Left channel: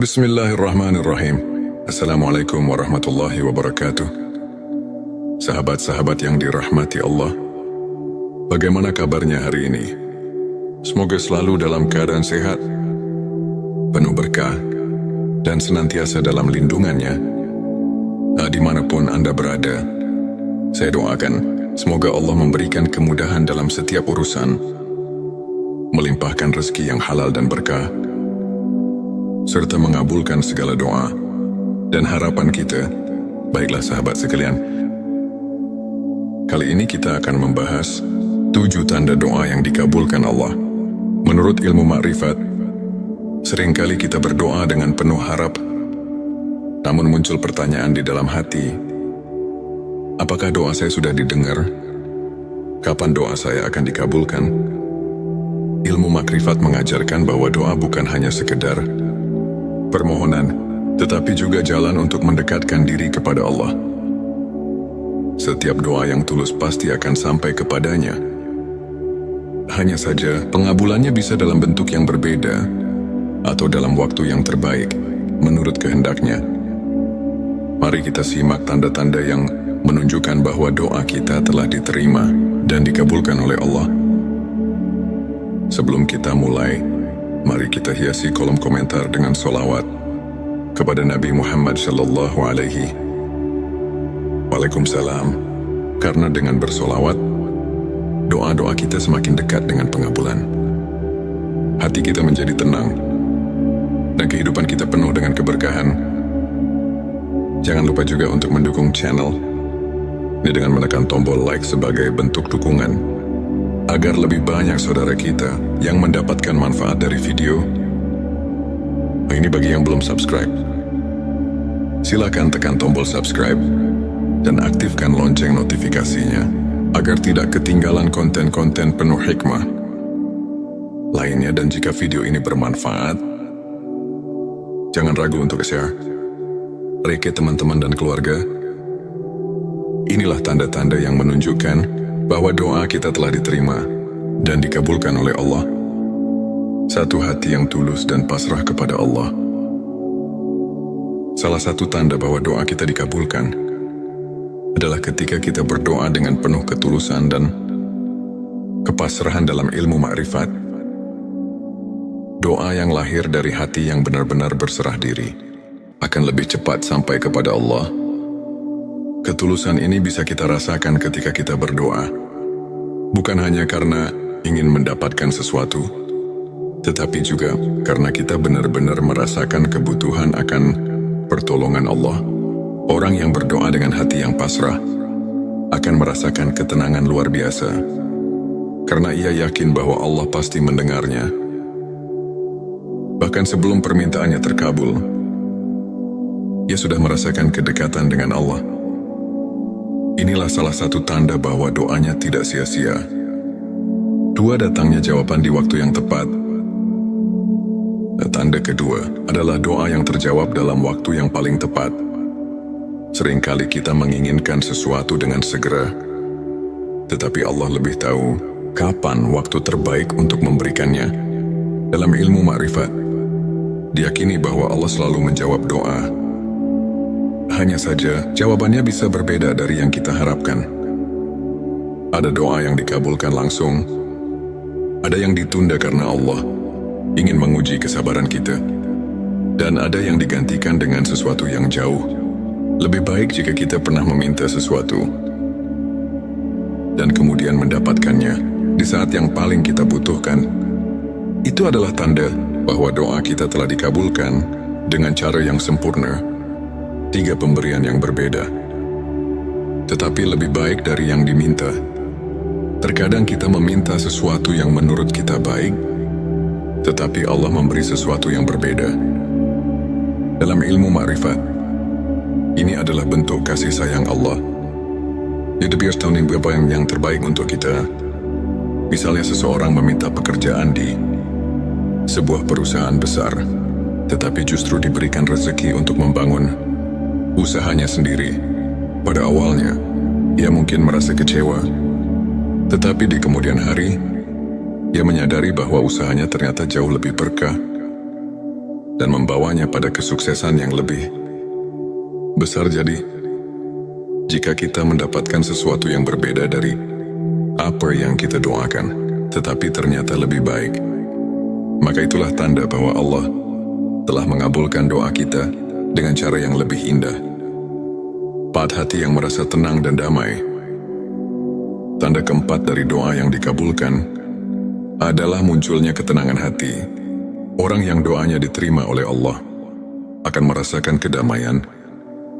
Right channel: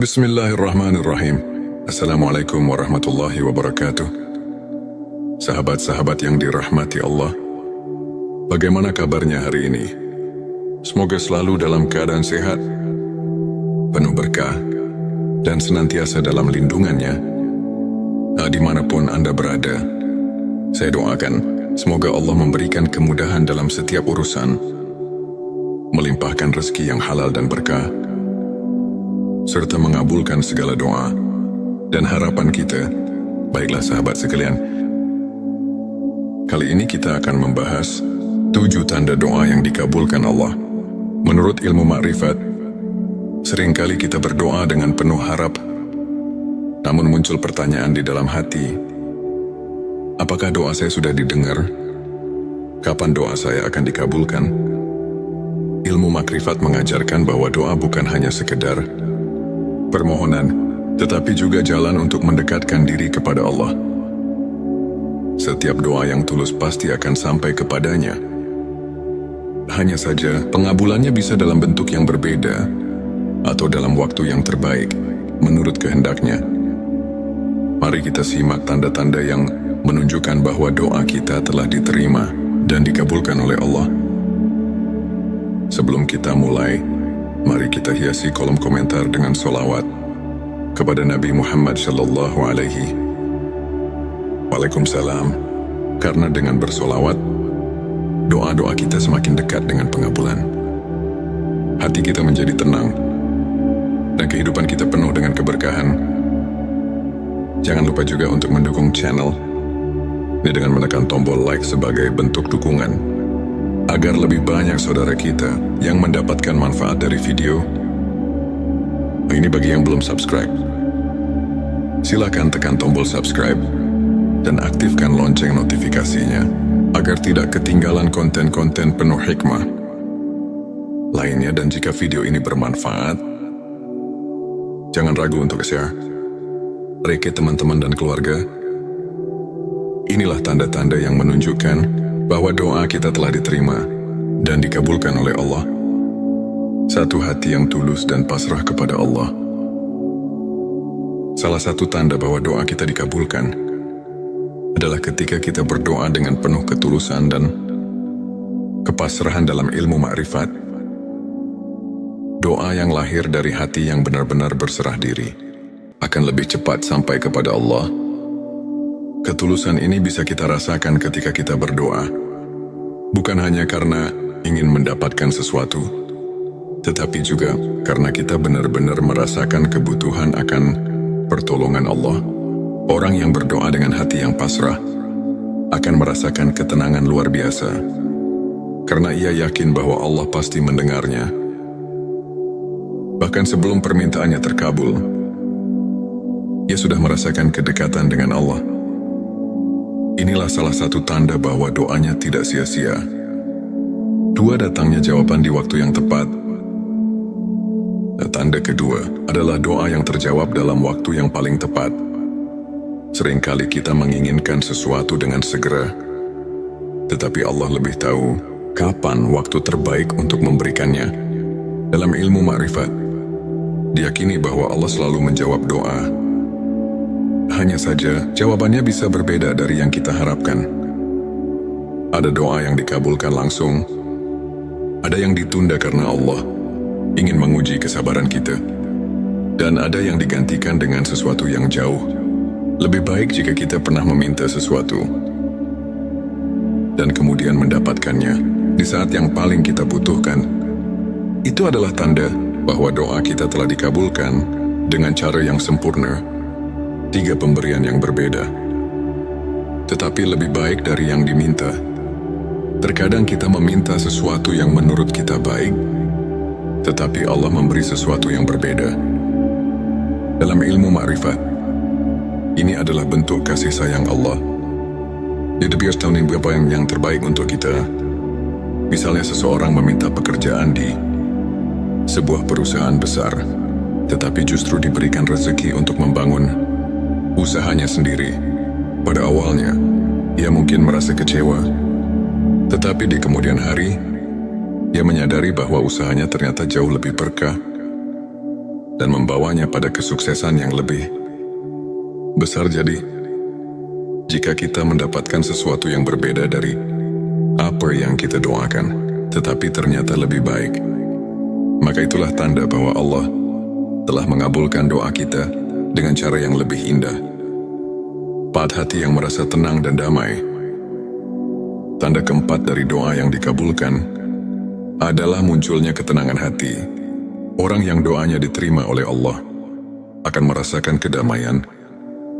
Bismillahirrahmanirrahim. Assalamualaikum warahmatullahi wabarakatuh. Sahabat-sahabat yang dirahmati Allah, bagaimana kabarnya hari ini? Semoga selalu dalam keadaan sehat, penuh berkah, dan senantiasa dalam lindungannya. Dimanapun Anda berada, saya doakan semoga Allah memberikan kemudahan dalam setiap urusan, melimpahkan rezeki yang halal dan berkah, serta mengabulkan segala doa dan harapan kita. Baiklah sahabat sekalian, kali ini kita akan membahas 7 tanda doa yang dikabulkan Allah. Menurut ilmu makrifat, seringkali kita berdoa dengan penuh harap, namun muncul pertanyaan di dalam hati, apakah doa saya sudah didengar? Kapan doa saya akan dikabulkan? Ilmu makrifat mengajarkan bahwa doa bukan hanya sekedar permohonan, tetapi juga jalan untuk mendekatkan diri kepada Allah. Setiap doa yang tulus pasti akan sampai kepadanya. Hanya saja, pengabulannya bisa dalam bentuk yang berbeda, atau dalam waktu yang terbaik, menurut kehendaknya. Mari kita simak tanda-tanda yang menunjukkan bahwa doa kita telah diterima dan dikabulkan oleh Allah. Sebelum kita mulai, mari kita hiasi kolom komentar dengan sholawat kepada Nabi Muhammad Sallallahu Alaihi Waalaikumsalam. Karena dengan bersolawat, doa-doa kita semakin dekat dengan pengabulan. Hati kita menjadi tenang, dan kehidupan kita penuh dengan keberkahan. Jangan lupa juga untuk mendukung channel ini dengan menekan tombol like sebagai bentuk dukungan, agar lebih banyak saudara kita yang mendapatkan manfaat dari video. Ini bagi yang belum subscribe, silakan tekan tombol subscribe dan aktifkan lonceng notifikasinya agar tidak ketinggalan konten-konten penuh hikmah lainnya. Dan jika video ini bermanfaat, jangan ragu untuk share ke teman-teman dan keluarga. Inilah tanda-tanda yang menunjukkan bahwa doa kita telah diterima dan dikabulkan oleh Allah. Satu hati yang tulus dan pasrah kepada Allah. Salah satu tanda bahwa doa kita dikabulkan adalah ketika kita berdoa dengan penuh ketulusan dan kepasrahan dalam ilmu makrifat. Doa yang lahir dari hati yang benar-benar berserah diri akan lebih cepat sampai kepada Allah. Ketulusan ini bisa kita rasakan ketika kita berdoa, bukan hanya karena ingin mendapatkan sesuatu, tetapi juga karena kita benar-benar merasakan kebutuhan akan pertolongan Allah. Orang yang berdoa dengan hati yang pasrah akan merasakan ketenangan luar biasa, karena ia yakin bahwa Allah pasti mendengarnya. Bahkan sebelum permintaannya terkabul, ia sudah merasakan kedekatan dengan Allah. Inilah salah satu tanda bahwa doanya tidak sia-sia. 2, datangnya jawaban di waktu yang tepat. Tanda kedua adalah doa yang terjawab dalam waktu yang paling tepat. Seringkali kita menginginkan sesuatu dengan segera, tetapi Allah lebih tahu kapan waktu terbaik untuk memberikannya. Dalam ilmu makrifat, diyakini bahwa Allah selalu menjawab doa. Hanya saja, jawabannya bisa berbeda dari yang kita harapkan. Ada doa yang dikabulkan langsung, ada yang ditunda karena Allah ingin menguji kesabaran kita, dan ada yang digantikan dengan sesuatu yang jauh lebih baik jika kita pernah meminta sesuatu dan kemudian mendapatkannya di saat yang paling kita butuhkan. Itu adalah tanda bahwa doa kita telah dikabulkan dengan cara yang sempurna. 3 pemberian yang berbeda, tetapi lebih baik dari yang diminta. Terkadang kita meminta sesuatu yang menurut kita baik, tetapi Allah memberi sesuatu yang berbeda. Dalam ilmu makrifat, ini adalah bentuk kasih sayang Allah. Jadi biar tahu apa yang terbaik untuk kita. Misalnya seseorang meminta pekerjaan di sebuah perusahaan besar, tetapi justru diberikan rezeki untuk membangun usahanya sendiri. Pada awalnya, ia mungkin merasa kecewa, tetapi di kemudian hari, ia menyadari bahwa usahanya ternyata jauh lebih berkah. dan membawanya pada kesuksesan yang lebih besar. Jadi, jika kita mendapatkan sesuatu yang berbeda dari apa yang kita doakan, tetapi ternyata lebih baik, maka itulah tanda bahwa Allah telah mengabulkan doa kita dengan cara yang lebih indah. Pada hati yang merasa tenang dan damai. Tanda keempat dari doa yang dikabulkan adalah munculnya ketenangan hati. Orang yang doanya diterima oleh Allah akan merasakan kedamaian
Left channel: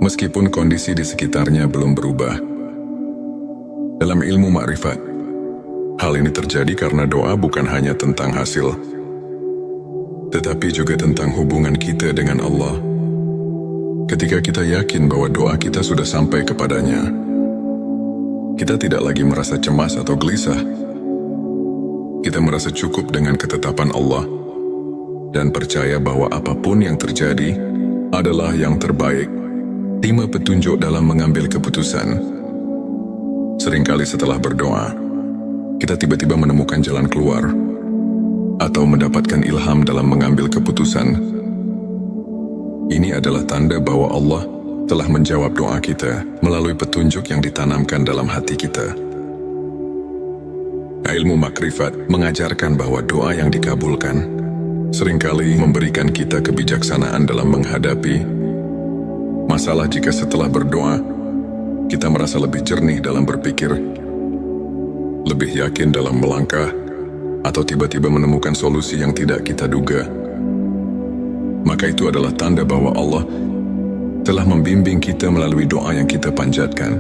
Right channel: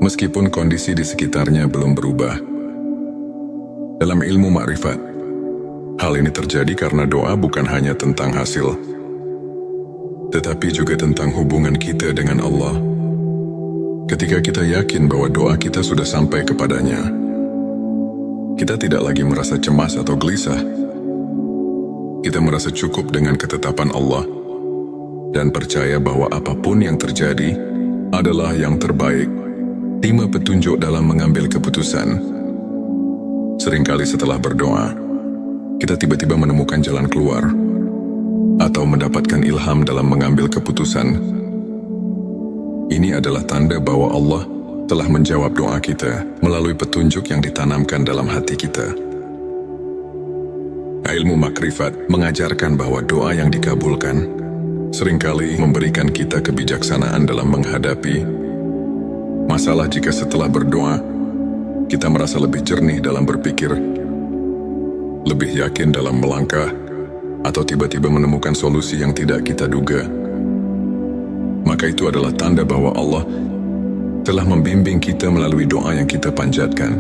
meskipun kondisi di sekitarnya belum berubah. Dalam ilmu makrifat, hal ini terjadi karena doa bukan hanya tentang hasil, tetapi juga tentang hubungan kita dengan Allah. Ketika kita yakin bahwa doa kita sudah sampai kepadanya, kita tidak lagi merasa cemas atau gelisah. Kita merasa cukup dengan ketetapan Allah dan percaya bahwa apapun yang terjadi adalah yang terbaik. Terima petunjuk dalam mengambil keputusan. Seringkali setelah berdoa, kita tiba-tiba menemukan jalan keluar atau mendapatkan ilham dalam mengambil keputusan. Ini adalah tanda bahwa Allah telah menjawab doa kita melalui petunjuk yang ditanamkan dalam hati kita. Ilmu makrifat mengajarkan bahwa doa yang dikabulkan seringkali memberikan kita kebijaksanaan dalam menghadapi masalah. Jika setelah berdoa, kita merasa lebih jernih dalam berpikir, lebih yakin dalam melangkah, atau tiba-tiba menemukan solusi yang tidak kita duga, maka itu adalah tanda bahwa Allah telah membimbing kita melalui doa yang kita panjatkan.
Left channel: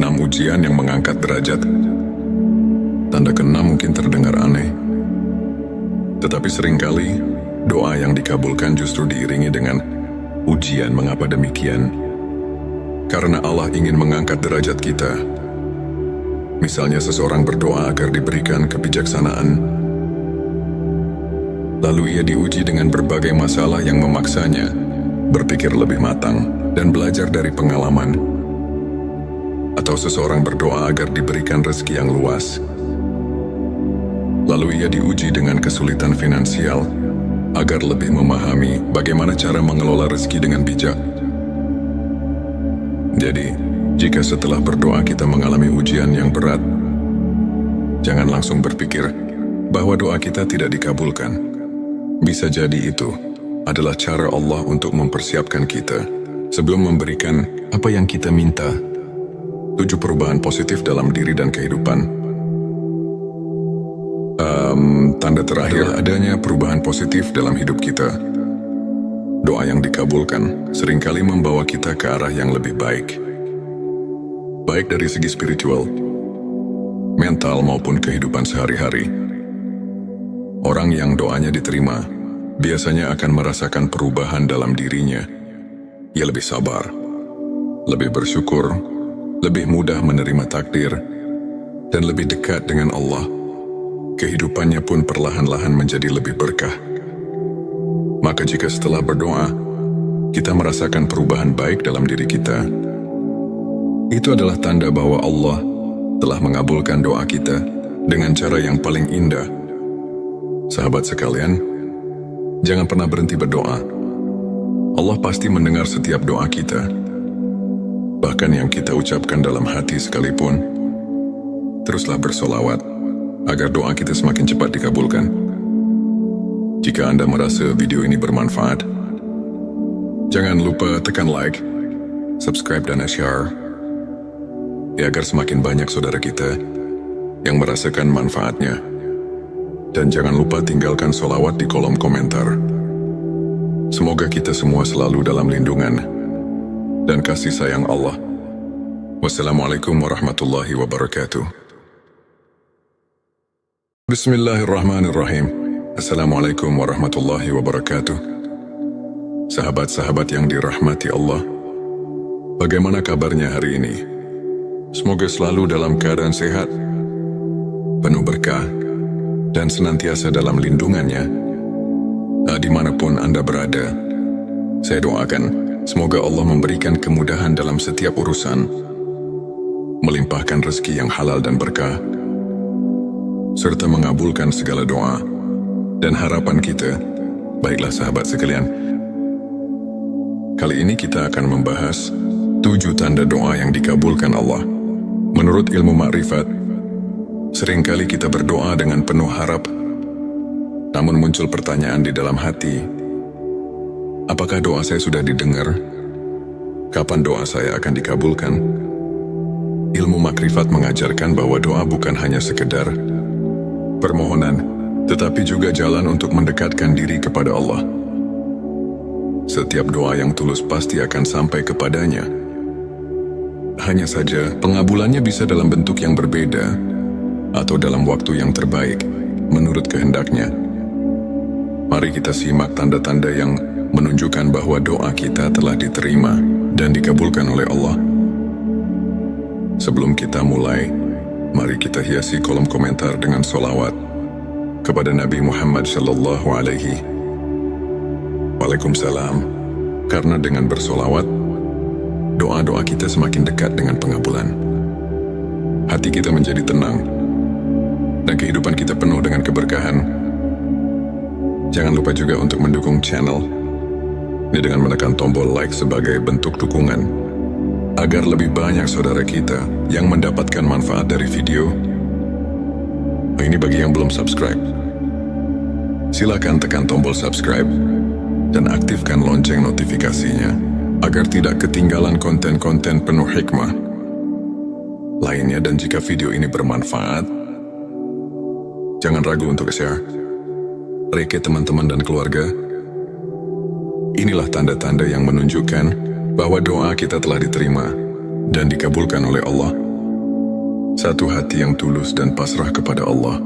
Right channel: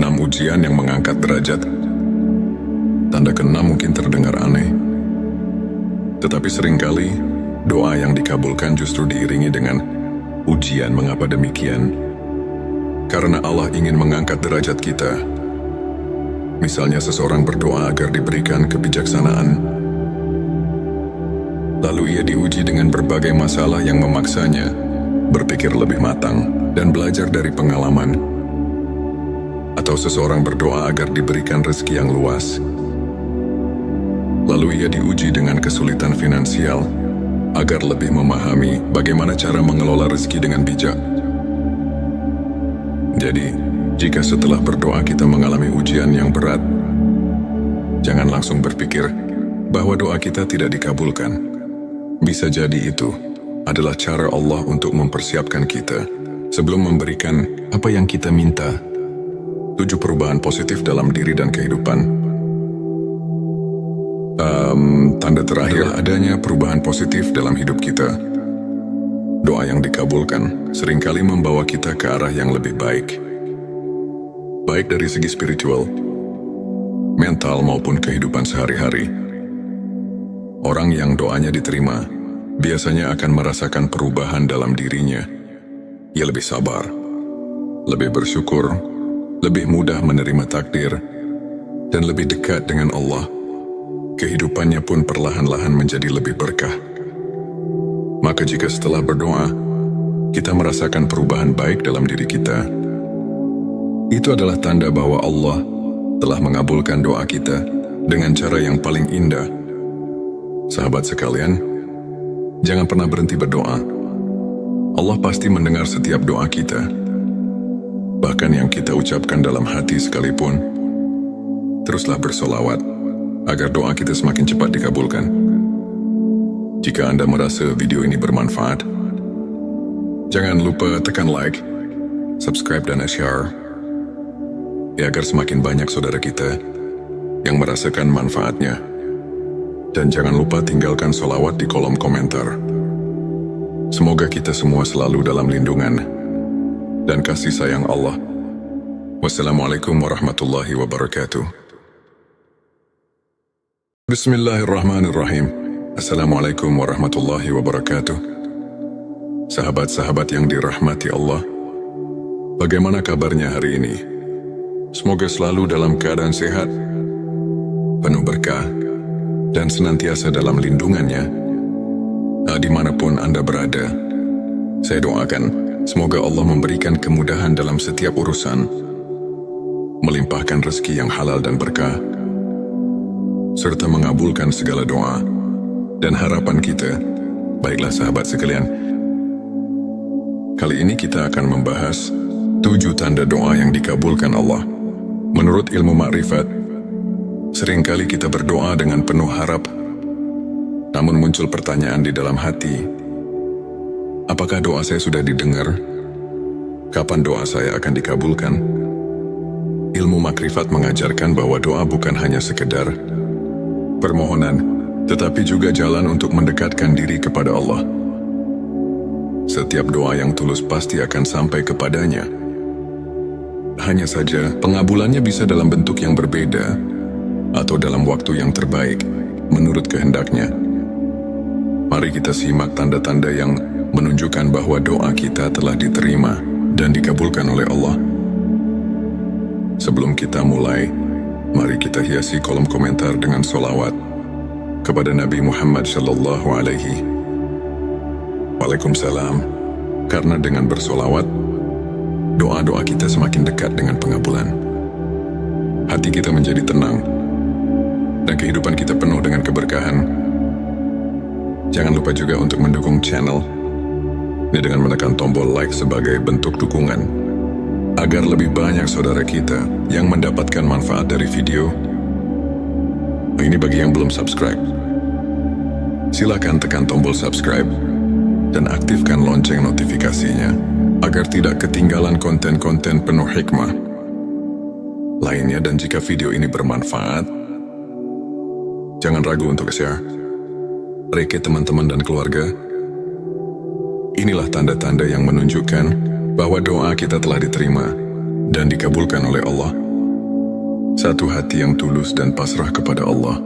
6 ujian yang mengangkat derajat. Tanda ke-6 mungkin terdengar aneh, tetapi seringkali doa yang dikabulkan justru diiringi dengan ujian. Mengapa demikian? Karena Allah ingin mengangkat derajat kita. Misalnya seseorang berdoa agar diberikan kebijaksanaan, lalu ia diuji dengan berbagai masalah yang memaksanya berpikir lebih matang dan belajar dari pengalaman. Atau seseorang berdoa agar diberikan rezeki yang luas, lalu ia diuji dengan kesulitan finansial agar lebih memahami bagaimana cara mengelola rezeki dengan bijak. Jadi, jika setelah berdoa kita mengalami ujian yang berat, jangan langsung berpikir bahwa doa kita tidak dikabulkan. Bisa jadi itu adalah cara Allah untuk mempersiapkan kita sebelum memberikan apa yang kita minta. 7 perubahan positif dalam diri dan kehidupan. Tanda terakhir adanya perubahan positif dalam hidup kita. Doa yang dikabulkan seringkali membawa kita ke arah yang lebih baik. Baik dari segi spiritual, mental maupun kehidupan sehari-hari. Orang yang doanya diterima biasanya akan merasakan perubahan dalam dirinya. Ia lebih sabar, lebih bersyukur, lebih mudah menerima takdir, dan lebih dekat dengan Allah. Kehidupannya pun perlahan-lahan menjadi lebih berkah. Maka jika setelah berdoa, kita merasakan perubahan baik dalam diri kita, itu adalah tanda bahwa Allah telah mengabulkan doa kita dengan cara yang paling indah. Sahabat sekalian, jangan pernah berhenti berdoa. Allah pasti mendengar setiap doa kita. Bahkan yang kita ucapkan dalam hati sekalipun. Teruslah bersolawat agar doa kita semakin cepat dikabulkan. Jika Anda merasa video ini bermanfaat, jangan lupa tekan like, subscribe dan share, agar semakin banyak saudara kita yang merasakan manfaatnya. Dan jangan lupa tinggalkan sholawat di kolom komentar. Semoga kita semua selalu dalam lindungan dan kasih sayang Allah. Wassalamualaikum warahmatullahi wabarakatuh. Bismillahirrahmanirrahim. Assalamualaikum warahmatullahi wabarakatuh. Sahabat-sahabat yang dirahmati Allah, bagaimana kabarnya hari ini? Semoga selalu dalam keadaan sehat, penuh berkah, dan senantiasa dalam lindungannya. Dimanapun Anda berada, saya doakan semoga Allah memberikan kemudahan dalam setiap urusan, melimpahkan rezeki yang halal dan berkah, serta mengabulkan segala doa dan harapan kita Baiklah sahabat sekalian, kali ini kita akan membahas 7 tanda doa yang dikabulkan Allah. Menurut ilmu makrifat, seringkali kita berdoa dengan penuh harap, namun muncul pertanyaan di dalam hati, apakah doa saya sudah didengar? Kapan doa saya akan dikabulkan? Ilmu makrifat mengajarkan bahwa doa bukan hanya sekedar permohonan, tetapi juga jalan untuk mendekatkan diri kepada Allah. Setiap doa yang tulus pasti akan sampai kepadanya. Hanya saja, pengabulannya bisa dalam bentuk yang berbeda atau dalam waktu yang terbaik, menurut kehendaknya. Mari kita simak tanda-tanda yang menunjukkan bahwa doa kita telah diterima dan dikabulkan oleh Allah. Sebelum kita mulai, mari kita hiasi kolom komentar dengan sholawat kepada Nabi Muhammad sallallahu alaihi Waalaikumsalam. Karena dengan bersolawat, doa-doa kita semakin dekat dengan pengabulan. Hati kita menjadi tenang, dan kehidupan kita penuh dengan keberkahan. Jangan lupa juga untuk mendukung channel ini dengan menekan tombol like sebagai bentuk dukungan, agar lebih banyak saudara kita yang mendapatkan manfaat dari video. Ini bagi yang belum subscribe. Silakan tekan tombol subscribe dan aktifkan lonceng notifikasinya agar tidak ketinggalan konten-konten penuh hikmah lainnya. Dan jika video ini bermanfaat, jangan ragu untuk share ke teman-teman dan keluarga. Inilah tanda-tanda yang menunjukkan bahwa doa kita telah diterima dan dikabulkan oleh Allah. Satu hati yang tulus dan pasrah kepada Allah.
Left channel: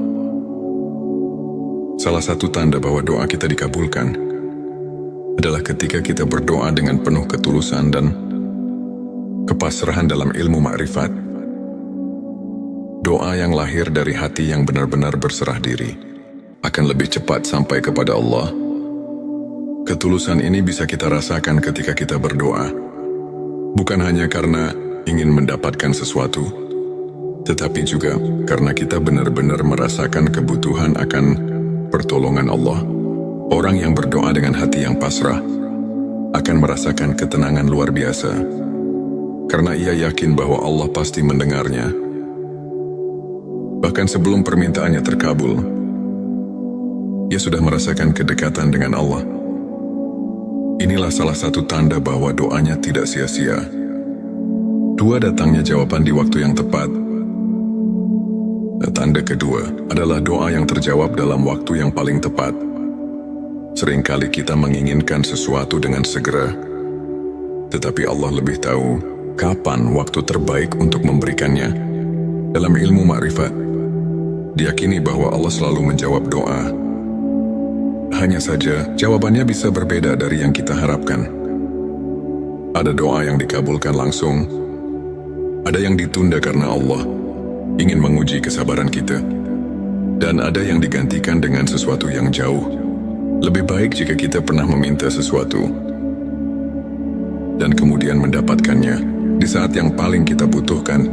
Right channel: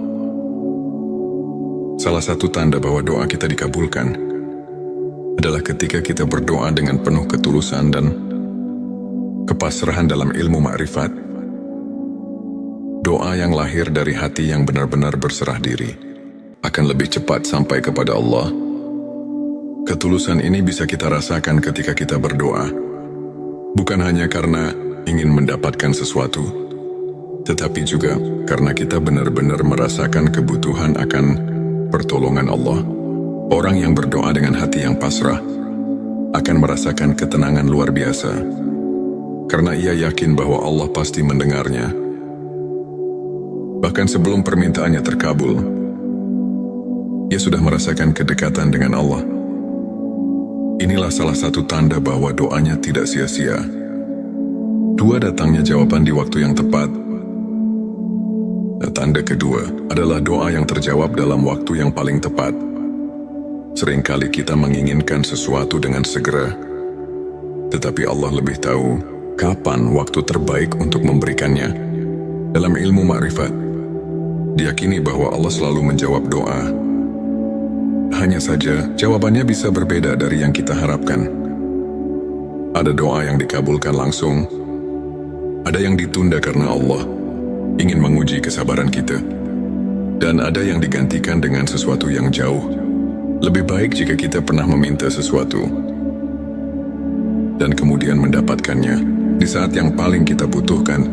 Salah satu tanda bahwa doa kita dikabulkan adalah ketika kita berdoa dengan penuh ketulusan dan kepasrahan dalam ilmu makrifat. Doa yang lahir dari hati yang benar-benar berserah diri akan lebih cepat sampai kepada Allah. Ketulusan ini bisa kita rasakan ketika kita berdoa, bukan hanya karena ingin mendapatkan sesuatu, tetapi juga karena kita benar-benar merasakan kebutuhan akan pertolongan Allah. Orang yang berdoa dengan hati yang pasrah akan merasakan ketenangan luar biasa, karena ia yakin bahwa Allah pasti mendengarnya. Bahkan sebelum permintaannya terkabul, ia sudah merasakan kedekatan dengan Allah. Inilah salah satu tanda bahwa doanya tidak sia-sia. 2, datangnya jawaban di waktu yang tepat. Tanda kedua adalah doa yang terjawab dalam waktu yang paling tepat. Seringkali kita menginginkan sesuatu dengan segera, tetapi Allah lebih tahu kapan waktu terbaik untuk memberikannya. Dalam ilmu makrifat, diyakini bahwa Allah selalu menjawab doa. Hanya saja, jawabannya bisa berbeda dari yang kita harapkan. Ada doa yang dikabulkan langsung, ada yang ditunda karena Allah ingin menguji kesabaran kita, dan ada yang digantikan dengan sesuatu yang jauh lebih baik jika kita pernah meminta sesuatu dan kemudian mendapatkannya di saat yang paling kita butuhkan.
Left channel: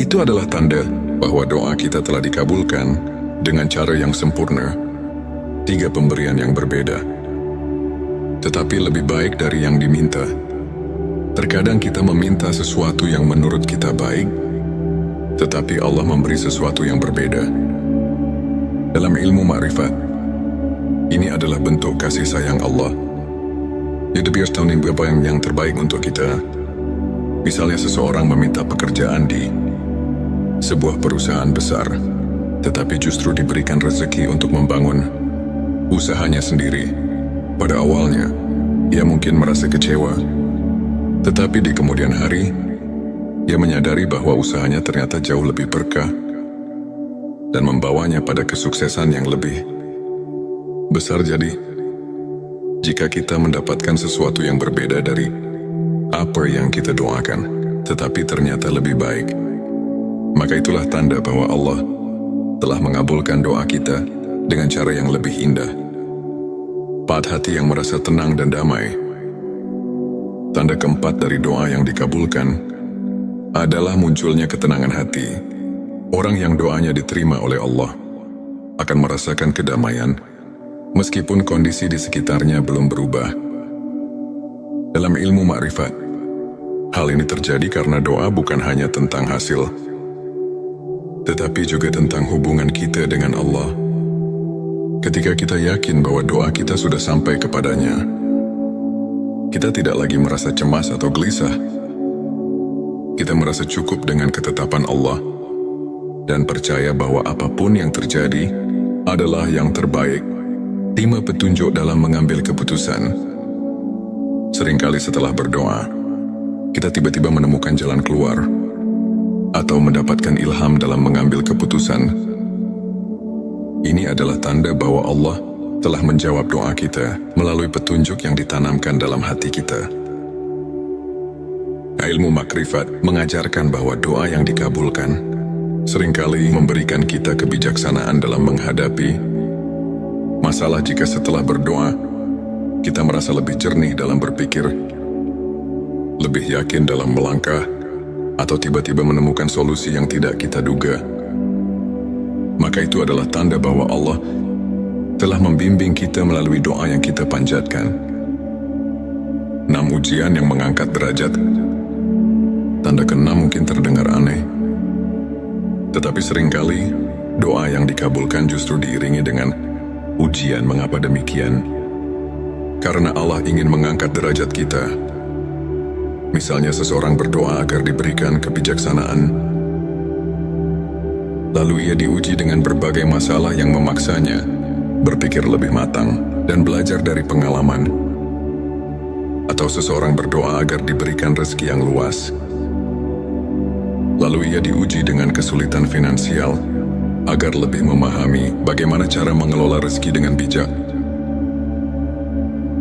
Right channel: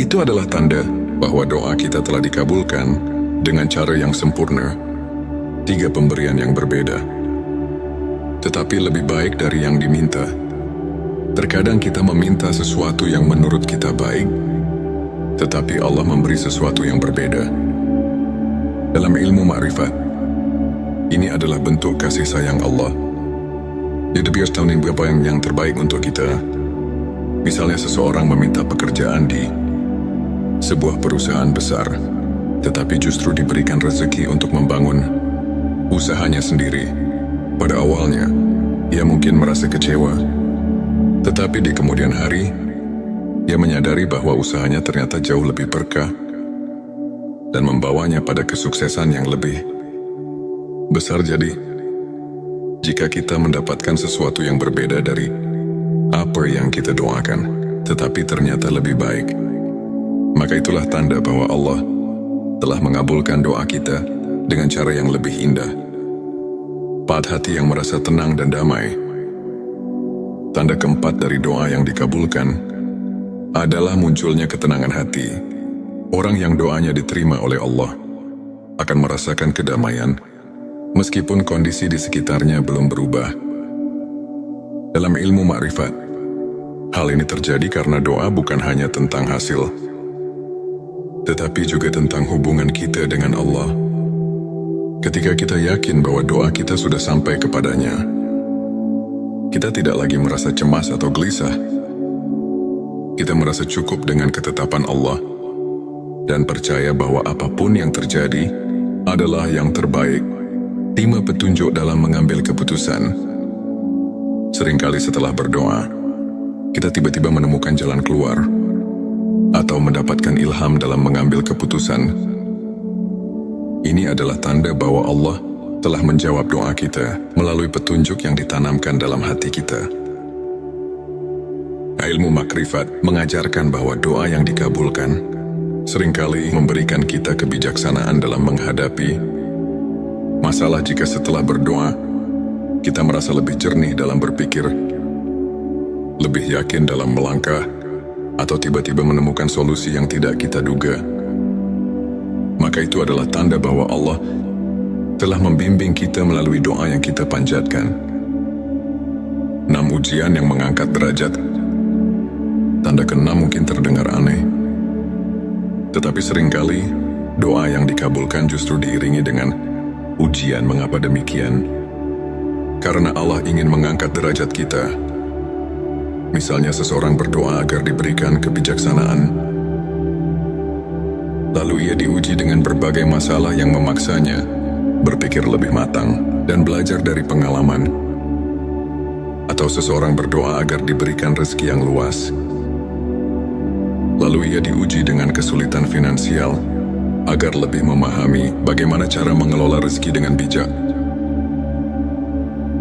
Itu adalah tanda bahwa doa kita telah dikabulkan dengan cara yang sempurna. 3 pemberian yang berbeda, tetapi lebih baik dari yang diminta. Terkadang kita meminta sesuatu yang menurut kita baik, tetapi Allah memberi sesuatu yang berbeda. Dalam ilmu makrifat, ini adalah bentuk kasih sayang Allah. Dia biasa tahu apa yang terbaik untuk kita. Misalnya seseorang meminta pekerjaan di sebuah perusahaan besar, tetapi justru diberikan rezeki untuk membangun usahanya sendiri. Pada awalnya, ia mungkin merasa kecewa, tetapi di kemudian hari, ia menyadari bahwa usahanya ternyata jauh lebih berkah dan membawanya pada kesuksesan yang lebih besar. Jadi, jika kita mendapatkan sesuatu yang berbeda dari apa yang kita doakan, tetapi ternyata lebih baik, maka itulah tanda bahwa Allah telah mengabulkan doa kita dengan cara yang lebih indah. 4, hati yang merasa tenang dan damai. Tanda keempat dari doa yang dikabulkan adalah munculnya ketenangan hati. Orang yang doanya diterima oleh Allah akan merasakan kedamaian meskipun kondisi di sekitarnya belum berubah. Dalam ilmu makrifat, hal ini terjadi karena doa bukan hanya tentang hasil, tetapi juga tentang hubungan kita dengan Allah. Ketika kita yakin bahwa doa kita sudah sampai kepadanya, kita tidak lagi merasa cemas atau gelisah. Kita merasa cukup dengan ketetapan Allah dan percaya bahwa apapun yang terjadi adalah yang terbaik. Terima petunjuk dalam mengambil keputusan. Seringkali setelah berdoa, kita tiba-tiba menemukan jalan keluar atau mendapatkan ilham dalam mengambil keputusan. Ini adalah tanda bahwa Allah telah menjawab doa kita melalui petunjuk yang ditanamkan dalam hati kita. Ilmu makrifat mengajarkan bahwa doa yang dikabulkan seringkali memberikan kita kebijaksanaan dalam menghadapi masalah. Jika setelah berdoa, kita merasa lebih jernih dalam berpikir, lebih yakin dalam melangkah, atau tiba-tiba menemukan solusi yang tidak kita duga, maka itu adalah tanda bahwa Allah telah membimbing kita melalui doa yang kita panjatkan. 6 ujian yang mengangkat derajat. Tanda ke-6 mungkin terdengar aneh, tetapi seringkali doa yang dikabulkan justru diiringi dengan ujian. Mengapa demikian? Karena Allah ingin mengangkat derajat kita. Misalnya seseorang berdoa agar diberikan kebijaksanaan, lalu ia diuji dengan berbagai masalah yang memaksanya berpikir lebih matang dan belajar dari pengalaman. Atau seseorang berdoa agar diberikan rezeki yang luas, lalu ia diuji dengan kesulitan finansial agar lebih memahami bagaimana cara mengelola rezeki dengan bijak.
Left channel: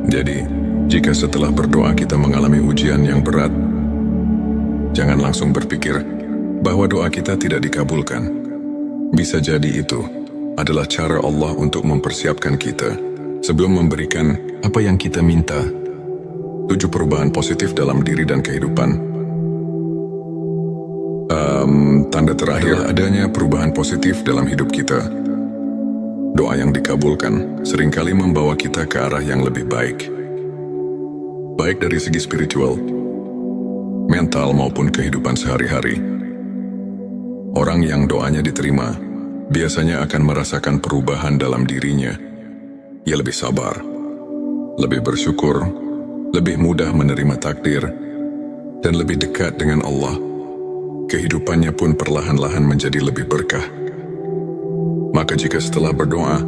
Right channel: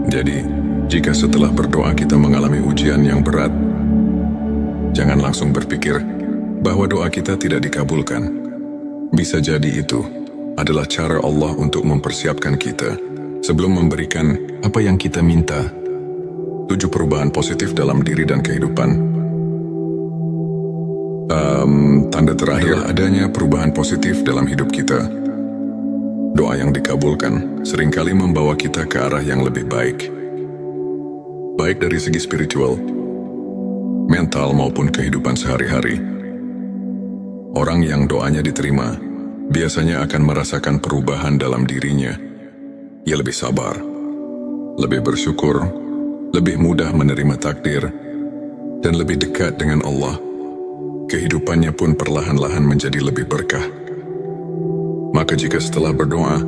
Jadi, jika setelah berdoa kita mengalami ujian yang berat, jangan langsung berpikir bahwa doa kita tidak dikabulkan. Bisa jadi itu adalah cara Allah untuk mempersiapkan kita sebelum memberikan apa yang kita minta. 7 perubahan positif dalam diri dan kehidupan. Tanda terakhir adanya perubahan positif dalam hidup kita. Doa yang dikabulkan seringkali membawa kita ke arah yang lebih baik. Baik dari segi spiritual, mental maupun kehidupan sehari-hari. Orang yang doanya diterima biasanya akan merasakan perubahan dalam dirinya. Ia lebih sabar, lebih bersyukur, lebih mudah menerima takdir, dan lebih dekat dengan Allah. Kehidupannya pun perlahan-lahan menjadi lebih berkah. Maka jika setelah berdoa,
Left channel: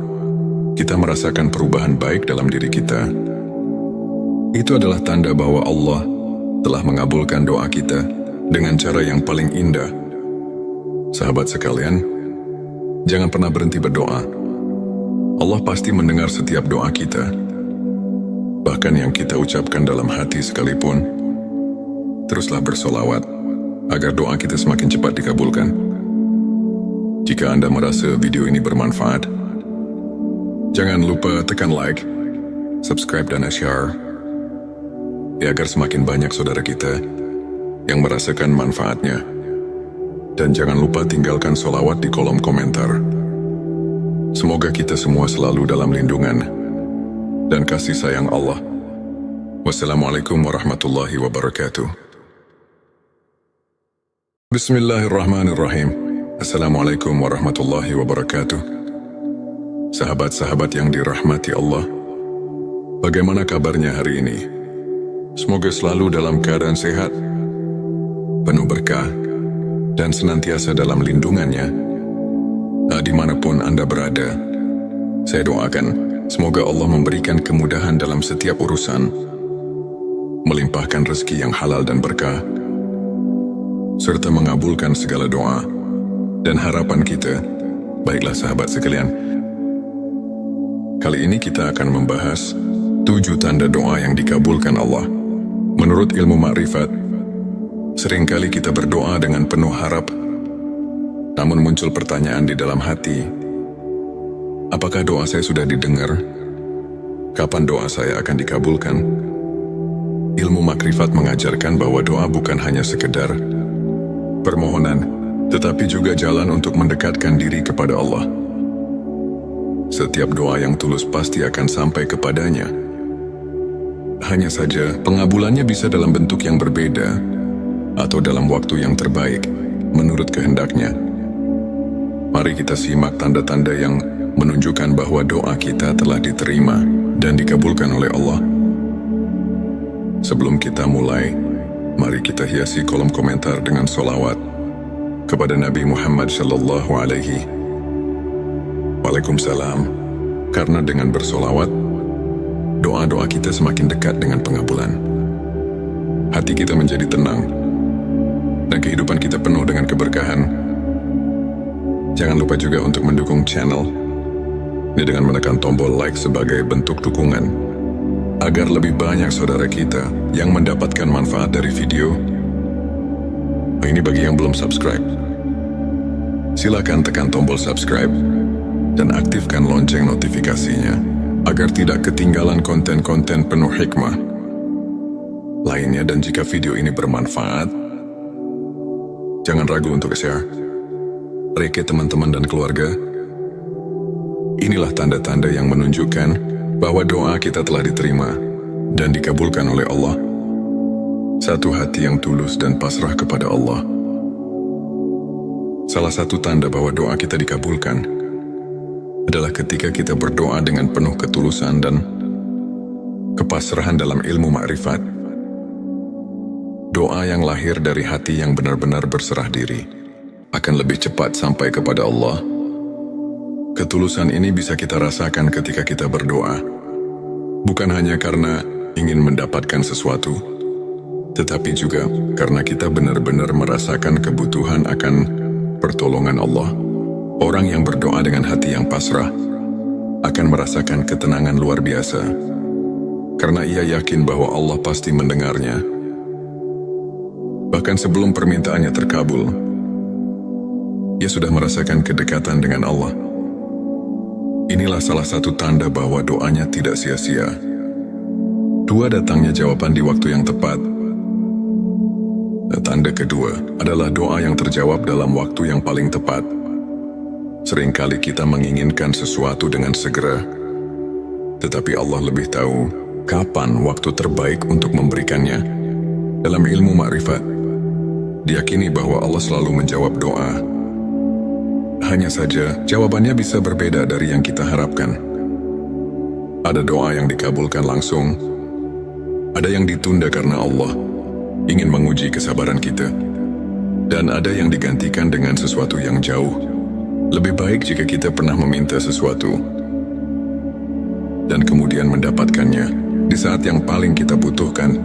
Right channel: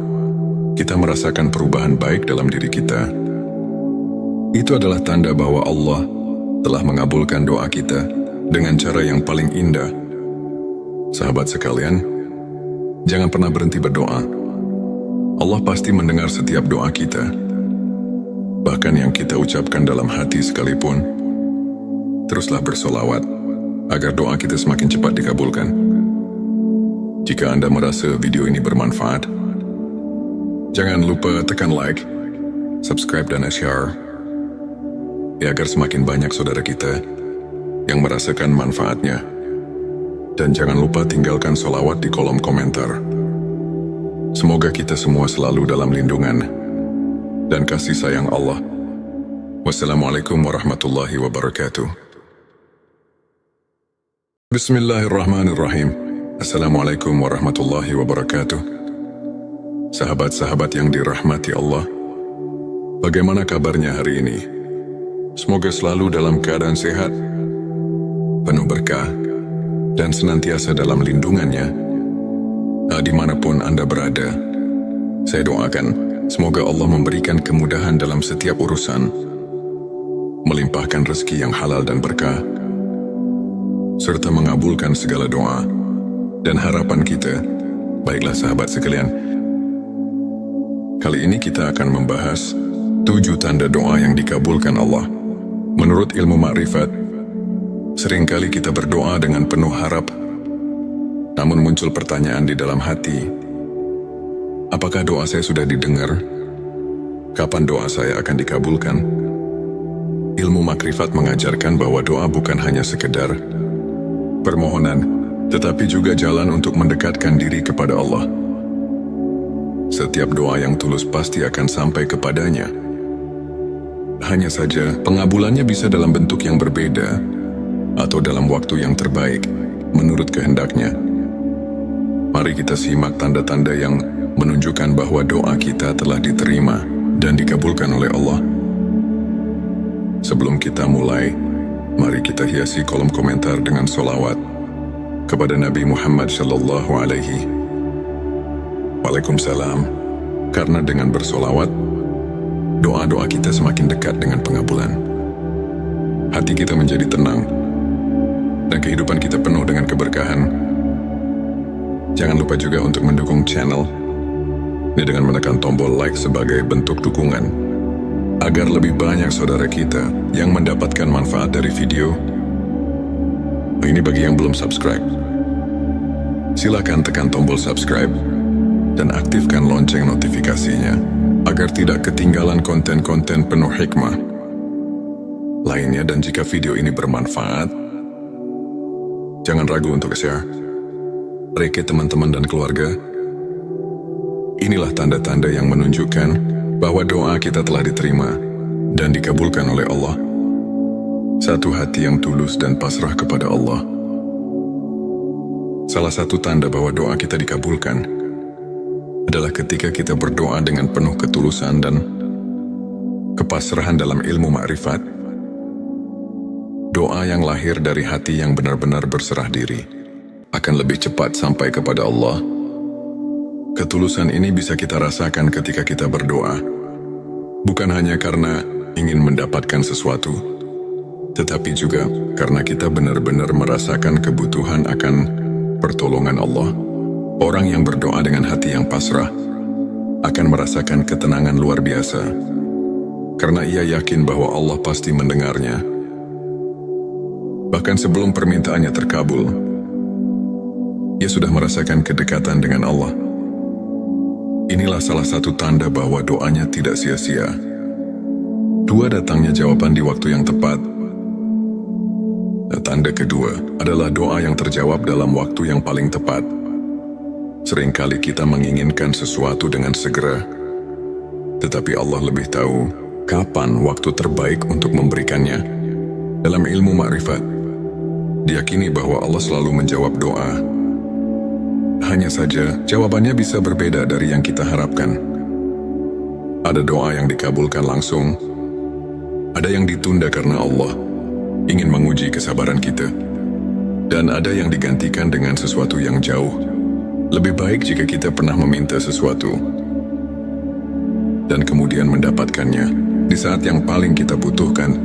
kita merasakan perubahan baik dalam diri kita, itu adalah tanda bahwa Allah telah mengabulkan doa kita dengan cara yang paling indah. Sahabat sekalian, jangan pernah berhenti berdoa. Allah pasti mendengar setiap doa kita, bahkan yang kita ucapkan dalam hati sekalipun. Teruslah bersolawat agar doa kita semakin cepat dikabulkan. Jika Anda merasa video ini bermanfaat, jangan lupa tekan like, subscribe dan share, agar semakin banyak saudara kita yang merasakan manfaatnya. Dan jangan lupa tinggalkan solawat di kolom komentar. Semoga kita semua selalu dalam lindungan dan kasih sayang Allah. Wassalamualaikum warahmatullahi wabarakatuh. Bismillahirrahmanirrahim. Assalamualaikum warahmatullahi wabarakatuh. Sahabat-sahabat yang dirahmati Allah, bagaimana kabarnya hari ini? Semoga selalu dalam keadaan sehat, penuh berkah, dan senantiasa dalam lindungannya. Dimanapun Anda berada, saya doakan semoga Allah memberikan kemudahan dalam setiap urusan, melimpahkan rezeki yang halal dan berkah, serta mengabulkan segala doa dan harapan kita. Baiklah sahabat sekalian, kali ini kita akan membahas 7 tanda doa yang dikabulkan Allah. Menurut ilmu makrifat, seringkali kita berdoa dengan penuh harap, namun muncul pertanyaan di dalam hati, apakah doa saya sudah didengar? Kapan doa saya akan dikabulkan? Ilmu makrifat mengajarkan bahwa doa bukan hanya sekedar permohonan, tetapi juga jalan untuk mendekatkan diri kepada Allah. setiap doa yang tulus pasti akan sampai kepadanya. Hanya saja, pengabulannya bisa dalam bentuk yang berbeda atau dalam waktu yang terbaik, menurut kehendaknya. Mari kita simak tanda-tanda yang menunjukkan bahwa doa kita telah diterima dan dikabulkan oleh Allah. Sebelum kita mulai, mari kita hiasi kolom komentar dengan sholawat kepada Nabi Muhammad Sallallahu Alaihi Waalaikumsalam. Karena dengan bersolawat, doa-doa kita semakin dekat dengan pengabulan. Hati kita menjadi tenang, dan kehidupan kita penuh dengan keberkahan. Jangan lupa juga untuk mendukung channel ini dengan menekan tombol like sebagai bentuk dukungan, agar lebih banyak saudara kita yang mendapatkan manfaat dari video. Ini bagi yang belum subscribe. Silakan tekan tombol subscribe dan aktifkan lonceng notifikasinya agar tidak ketinggalan konten-konten penuh hikmah lainnya. Dan jika video ini bermanfaat, jangan ragu untuk share ke teman-teman dan keluarga. Inilah tanda-tanda yang menunjukkan bahwa doa kita telah diterima dan dikabulkan oleh Allah. Satu hati yang tulus dan pasrah kepada Allah. Salah satu tanda bahwa doa kita dikabulkan adalah ketika kita berdoa dengan penuh ketulusan dan kepasrahan dalam ilmu ma'rifat. Doa yang lahir dari hati yang benar-benar berserah diri akan lebih cepat sampai kepada Allah. Ketulusan ini bisa kita rasakan ketika kita berdoa, bukan hanya karena ingin mendapatkan sesuatu, tetapi juga karena kita benar-benar merasakan kebutuhan akan pertolongan Allah. Orang yang berdoa dengan hati yang pasrah akan merasakan ketenangan luar biasa, karena ia yakin bahwa Allah pasti mendengarnya. Bahkan sebelum permintaannya terkabul, ia sudah merasakan kedekatan dengan Allah. Inilah salah satu tanda bahwa doanya tidak sia-sia. Dua, datangnya jawaban di waktu yang tepat. Tanda kedua adalah doa yang terjawab dalam waktu yang paling tepat. Seringkali kita menginginkan sesuatu dengan segera, tetapi Allah lebih tahu kapan waktu terbaik untuk memberikannya. Dalam ilmu ma'rifat, diyakini bahwa Allah selalu menjawab doa. Hanya saja, jawabannya bisa berbeda dari yang kita harapkan. Ada doa yang dikabulkan langsung, ada yang ditunda karena Allah ingin menguji kesabaran kita, dan ada yang digantikan dengan sesuatu yang jauh lebih baik jika kita pernah meminta sesuatu dan kemudian mendapatkannya di saat yang paling kita butuhkan.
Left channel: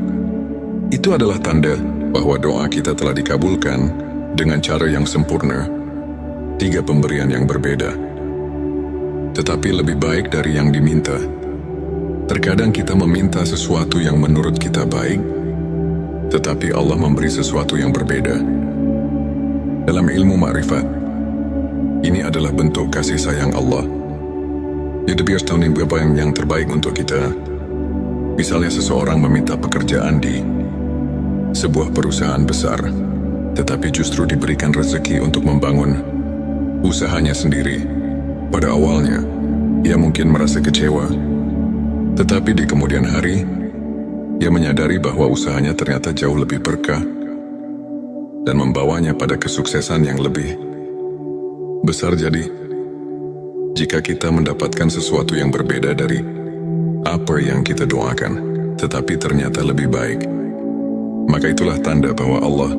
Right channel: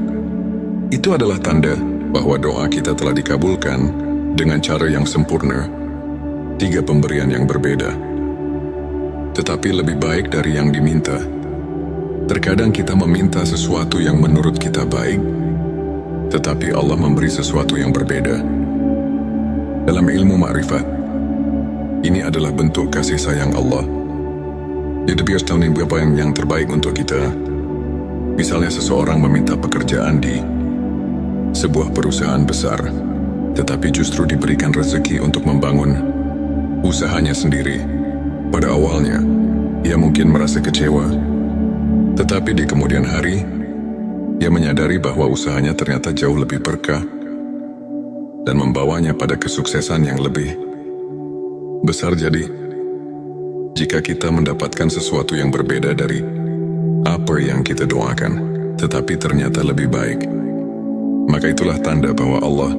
Itu adalah tanda bahwa doa kita telah dikabulkan dengan cara yang sempurna. 3 pemberian yang berbeda, tetapi lebih baik dari yang diminta. Terkadang kita meminta sesuatu yang menurut kita baik, tetapi Allah memberi sesuatu yang berbeda. Dalam ilmu ma'rifat, ini adalah bentuk kasih sayang Allah. Dia biasa tahu apa yang terbaik untuk kita. Misalnya seseorang meminta pekerjaan di sebuah perusahaan besar, tetapi justru diberikan rezeki untuk membangun usahanya sendiri. Pada awalnya, ia mungkin merasa kecewa, tetapi di kemudian hari, ia menyadari bahwa usahanya ternyata jauh lebih berkah dan membawanya pada kesuksesan yang lebih besar. Jadi, jika kita mendapatkan sesuatu yang berbeda dari apa yang kita doakan, tetapi ternyata lebih baik, maka itulah tanda bahwa Allah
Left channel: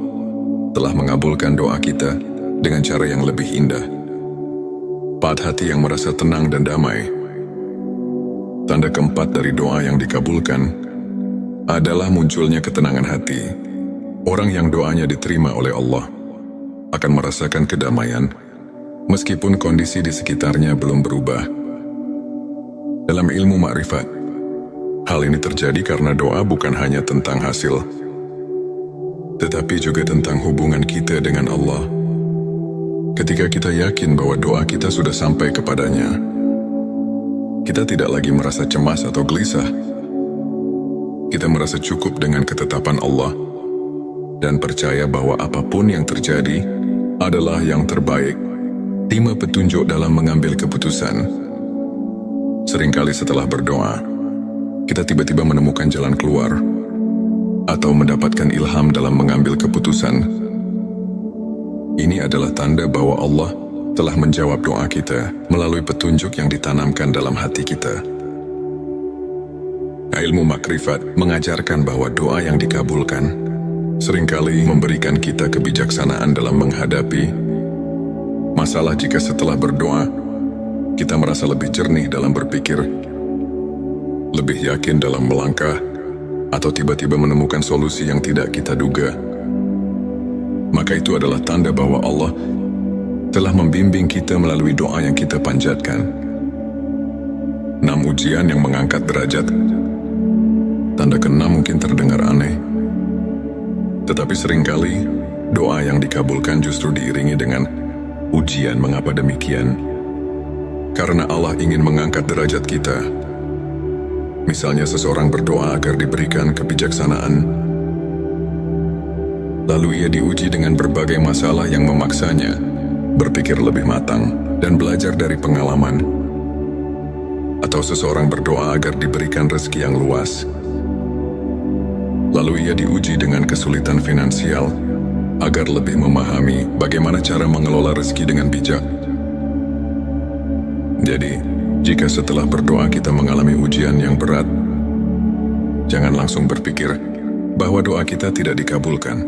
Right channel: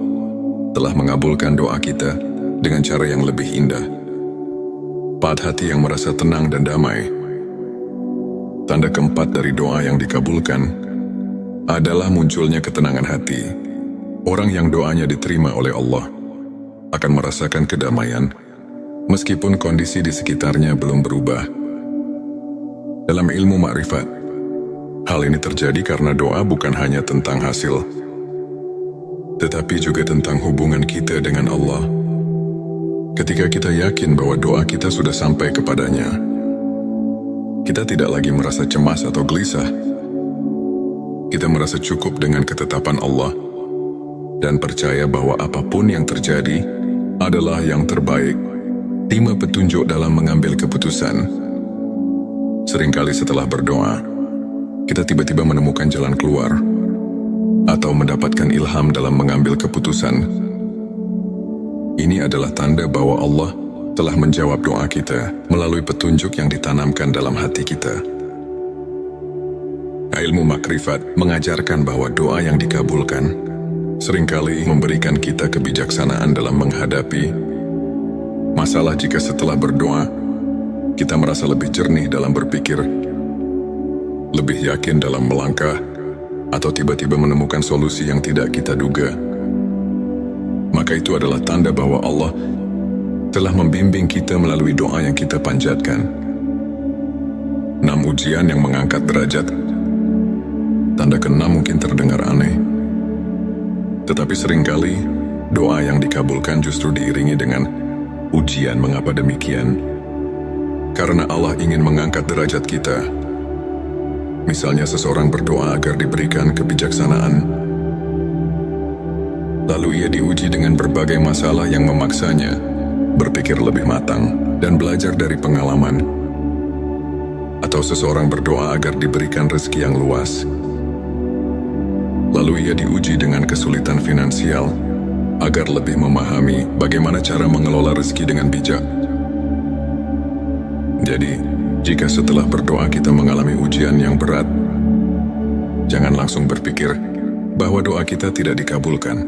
telah mengabulkan doa kita dengan cara yang lebih indah. Hati yang merasa tenang dan damai. Tanda keempat dari doa yang dikabulkan adalah munculnya ketenangan hati. Orang yang doanya diterima oleh Allah akan merasakan kedamaian meskipun kondisi di sekitarnya belum berubah. Dalam ilmu ma'rifat, hal ini terjadi karena doa bukan hanya tentang hasil, tetapi juga tentang hubungan kita dengan Allah. Ketika kita yakin bahwa doa kita sudah sampai kepadanya, kita tidak lagi merasa cemas atau gelisah. Kita merasa cukup dengan ketetapan Allah dan percaya bahwa apapun yang terjadi adalah yang terbaik. 5 petunjuk dalam mengambil keputusan. Seringkali setelah berdoa, kita tiba-tiba menemukan jalan keluar atau mendapatkan ilham dalam mengambil keputusan. Ini adalah tanda bahwa Allah telah menjawab doa kita melalui petunjuk yang ditanamkan dalam hati kita. Ilmu makrifat mengajarkan bahwa doa yang dikabulkan seringkali memberikan kita kebijaksanaan dalam menghadapi masalah. Jika setelah berdoa, kita merasa lebih jernih dalam berpikir, lebih yakin dalam melangkah, atau tiba-tiba menemukan solusi yang tidak kita duga, maka itu adalah tanda bahwa Allah telah membimbing kita melalui doa yang kita panjatkan. 6 ujian yang mengangkat derajat. Tanda ke-6 mungkin terdengar aneh, tetapi seringkali doa yang dikabulkan justru diiringi dengan ujian. Mengapa demikian? Karena Allah ingin mengangkat derajat kita. Misalnya seseorang berdoa agar diberikan kebijaksanaan, lalu ia diuji dengan berbagai masalah yang memaksanya berpikir lebih matang dan belajar dari pengalaman. Atau seseorang berdoa agar diberikan rezeki yang luas, lalu ia diuji dengan kesulitan finansial agar lebih memahami bagaimana cara mengelola rezeki dengan bijak. Jadi, jika setelah berdoa kita mengalami ujian yang berat, jangan langsung berpikir bahwa doa kita tidak dikabulkan.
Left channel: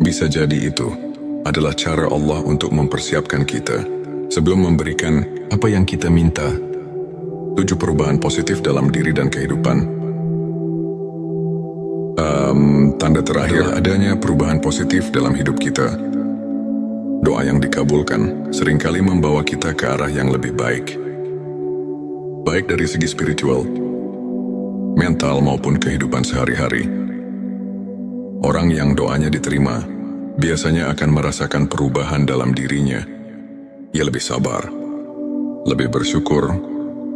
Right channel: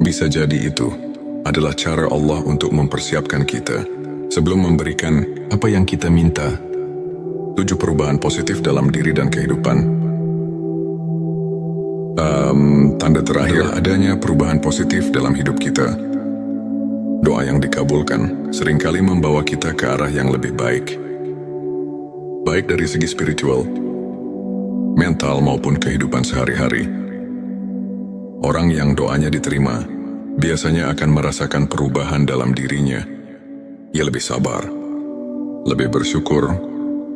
Bisa jadi itu adalah cara Allah untuk mempersiapkan kita sebelum memberikan apa yang kita minta. 7 perubahan positif dalam diri dan kehidupan. Tanda terakhir adanya perubahan positif dalam hidup kita. Doa yang dikabulkan seringkali membawa kita ke arah yang lebih baik. Baik dari segi spiritual, mental maupun kehidupan sehari-hari. Orang yang doanya diterima biasanya akan merasakan perubahan dalam dirinya. Ia lebih sabar, lebih bersyukur,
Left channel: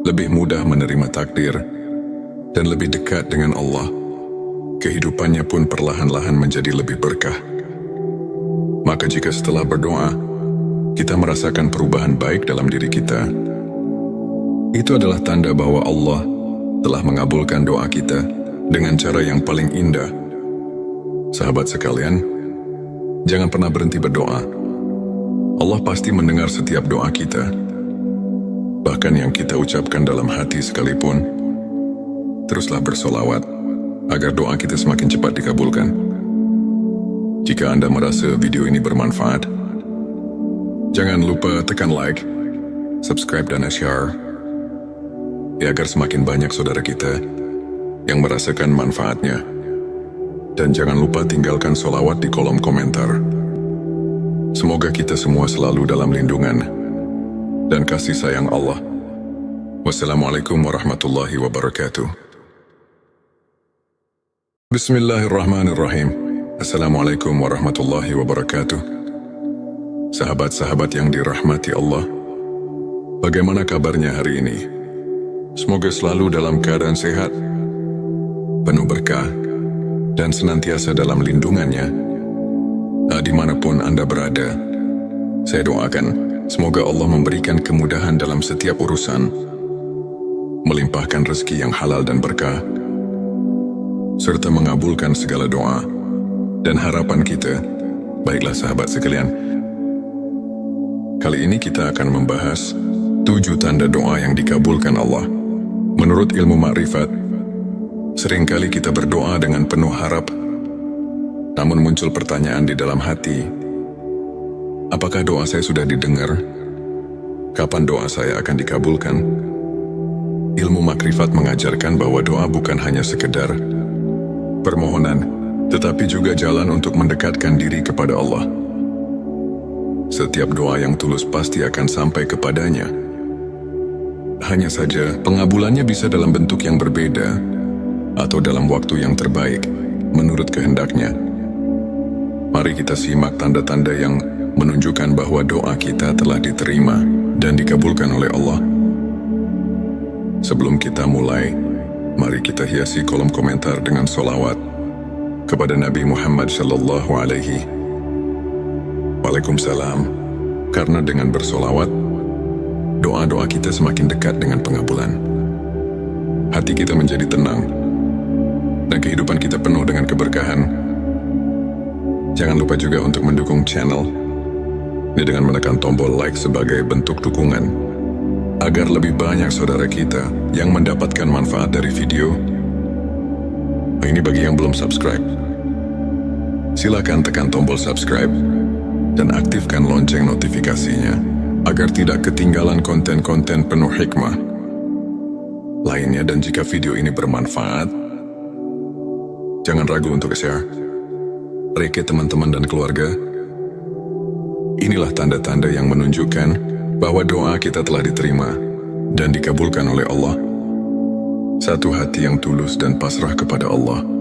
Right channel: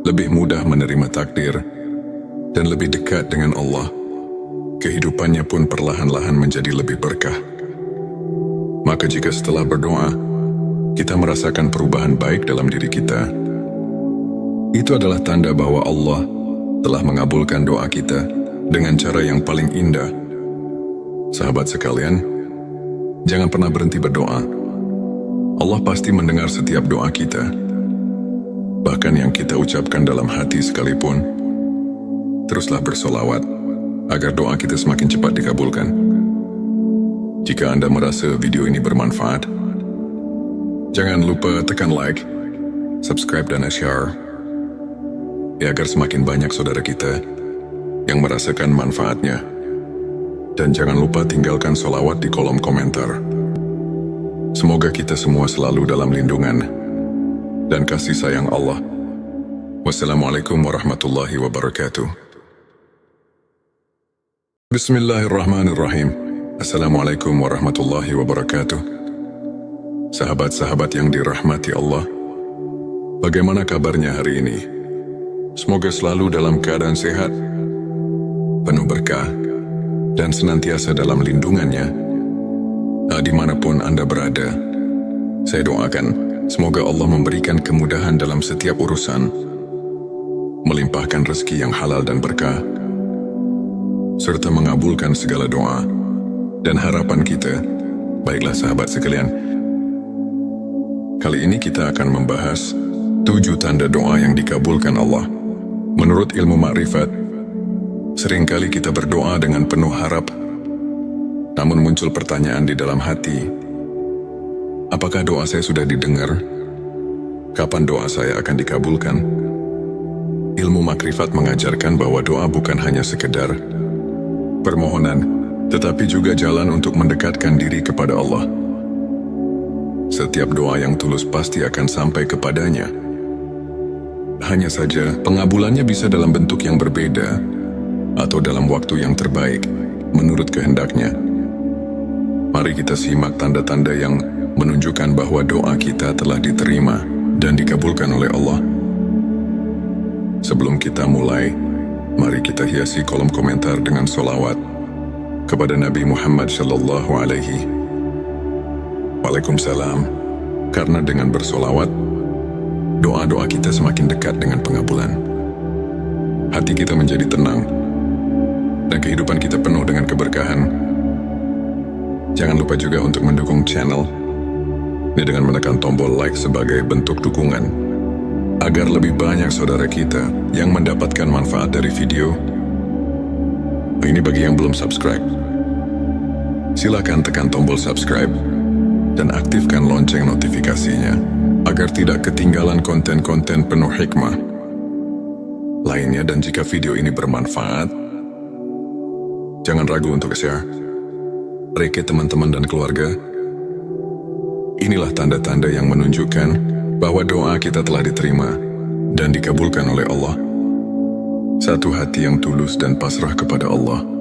lebih mudah menerima takdir, dan lebih dekat dengan Allah. Kehidupannya pun perlahan-lahan menjadi lebih berkah. Maka jika setelah berdoa, kita merasakan perubahan baik dalam diri kita, itu adalah tanda bahwa Allah telah mengabulkan doa kita dengan cara yang paling indah. Sahabat sekalian, jangan pernah berhenti berdoa. Allah pasti mendengar setiap doa kita, bahkan yang kita ucapkan dalam hati sekalipun. Teruslah bersolawat agar doa kita semakin cepat dikabulkan. Jika Anda merasa video ini bermanfaat, jangan lupa tekan like, subscribe, dan share, agar semakin banyak saudara kita yang merasakan manfaatnya. Dan jangan lupa tinggalkan solawat di kolom komentar. Semoga kita semua selalu dalam lindungan dan kasih sayang Allah. Wassalamualaikum warahmatullahi wabarakatuh. Bismillahirrahmanirrahim. Assalamualaikum warahmatullahi wabarakatuh. Sahabat-sahabat yang dirahmati Allah, bagaimana kabarnya hari ini? Semoga selalu dalam keadaan sehat, penuh berkah, dan senantiasa dalam lindungannya. Dimanapun Anda berada, saya doakan semoga Allah memberikan kemudahan dalam setiap urusan, melimpahkan rezeki yang halal dan berkah, serta mengabulkan segala doa dan harapan kita. Baiklah sahabat sekalian, kali ini kita akan membahas 7 tanda doa yang dikabulkan Allah. Menurut ilmu makrifat, seringkali kita berdoa dengan penuh harap, namun muncul pertanyaan di dalam hati, apakah doa saya sudah didengar? Kapan doa saya akan dikabulkan? Ilmu makrifat mengajarkan bahwa doa bukan hanya sekedar permohonan, tetapi juga jalan untuk mendekatkan diri kepada Allah. Setiap doa yang tulus pasti akan sampai kepadanya. Hanya saja, pengabulannya bisa dalam bentuk yang berbeda atau dalam waktu yang terbaik, menurut kehendaknya. Mari kita simak tanda-tanda yang menunjukkan bahwa doa kita telah diterima dan dikabulkan oleh Allah. Sebelum kita mulai, mari kita hiasi kolom komentar dengan solawat kepada Nabi Muhammad Sallallahu Alaihi Waalaikumsalam. Karena dengan bersolawat, doa-doa kita semakin dekat dengan pengabulan. hati kita menjadi tenang, dan kehidupan kita penuh dengan keberkahan. Jangan lupa juga untuk mendukung channel ini dengan menekan tombol like sebagai bentuk dukungan, agar lebih banyak saudara kita yang mendapatkan manfaat dari video. Ini bagi yang belum subscribe. Silakan tekan tombol subscribe dan aktifkan lonceng notifikasinya, agar tidak ketinggalan konten-konten penuh hikmah lainnya. Dan jika video ini bermanfaat, jangan ragu untuk share ke teman-teman dan keluarga. Inilah tanda-tanda yang menunjukkan bahwa doa kita telah diterima dan dikabulkan oleh Allah. Satu hati yang tulus dan pasrah kepada Allah